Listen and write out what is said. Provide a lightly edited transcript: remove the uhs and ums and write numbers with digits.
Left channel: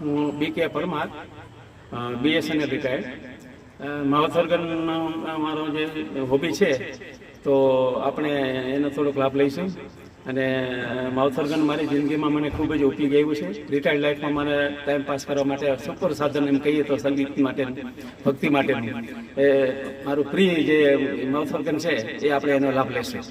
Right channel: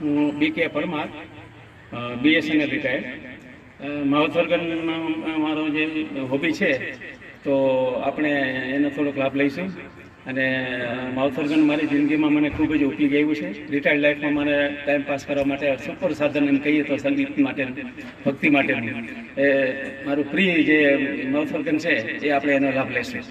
હું BK Parmar, BSNL retired. માવથરગનનો મારો જે હોબી છે તો આપણે એનો થોડોક લાભ લઈશું. અને માવથરગન મારી જિંદગીમાં મને ખૂબ જ ઉપયોગી આવ્યું છે. રિટાયર્ડ લાઈફમાં મને ટાઈમ પાસ કરવા માટે સુપર સાધન એમ કહીએ તો સંગીત માટેનું, ભક્તિ માટેનું એ મારું પ્રિય જે માવથરગન છે એ આપણે એનો લાભ લઈશું.